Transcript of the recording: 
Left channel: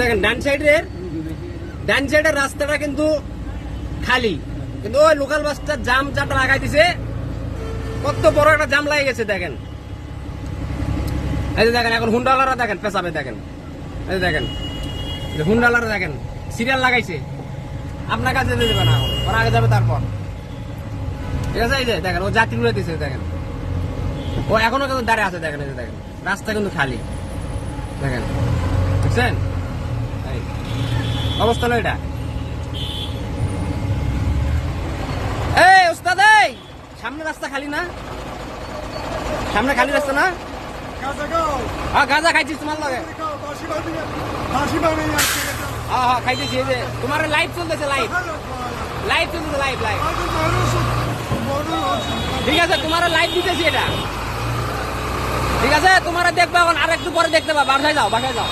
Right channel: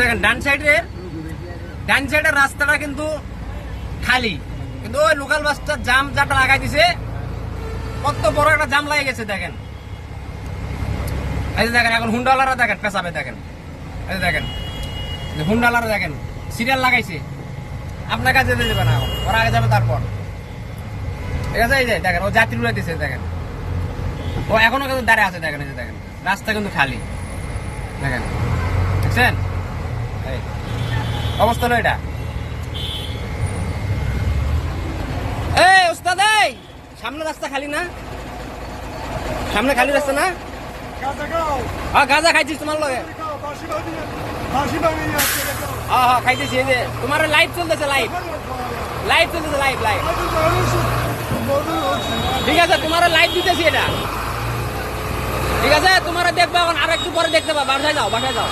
দেখেন ডান সাইডের রাস্তাটা কিন্তু খালি, কিন্তু ওই লোকাল বাসটা জাম যাটা লাগাই দিছে, কত বড় একটা জাম লাগে গেছে দেখেন। এই যে দেখেন এখন হুন্ডাওয়ালারা দেখেন পেছাবে দেখেন, এই যে দেখেন হুন্ডাওয়ালারা দেখেন সিরিয়াল লাগাইছে, আপনার কাছে যেতে দেবে না, ওরা আগে যাবে তারপর। ঠিক আছে, এই যে দেখেন ও যাত্রী লইতেছে দেখেন, ও এখনো কিন্তু দাঁড়িয়ে আছে দেখেন, এই যে দেখেন রাস্তা কিন্তু খালি দেখেন, বুঝছেন অবস্থা না এটা। এই ওস্তাদ, এই সামনে রাস্তা খালি না, সামনে খালি রাস্তা না? হ্যাঁ গাঁজা খাইছিস তোমার লগে? হ্যাঁ খাইতেছি। এই যে তোমার লাইভ চলতেছে, লাইভ চলতেছে, লাইভ। ঠিক আছে, তোমার লাইভ দিতেছি এটা, ঠিক আছে, তোমার দেখবা, আর একটু পরে দেখতে পাবা, বাসায় যাও।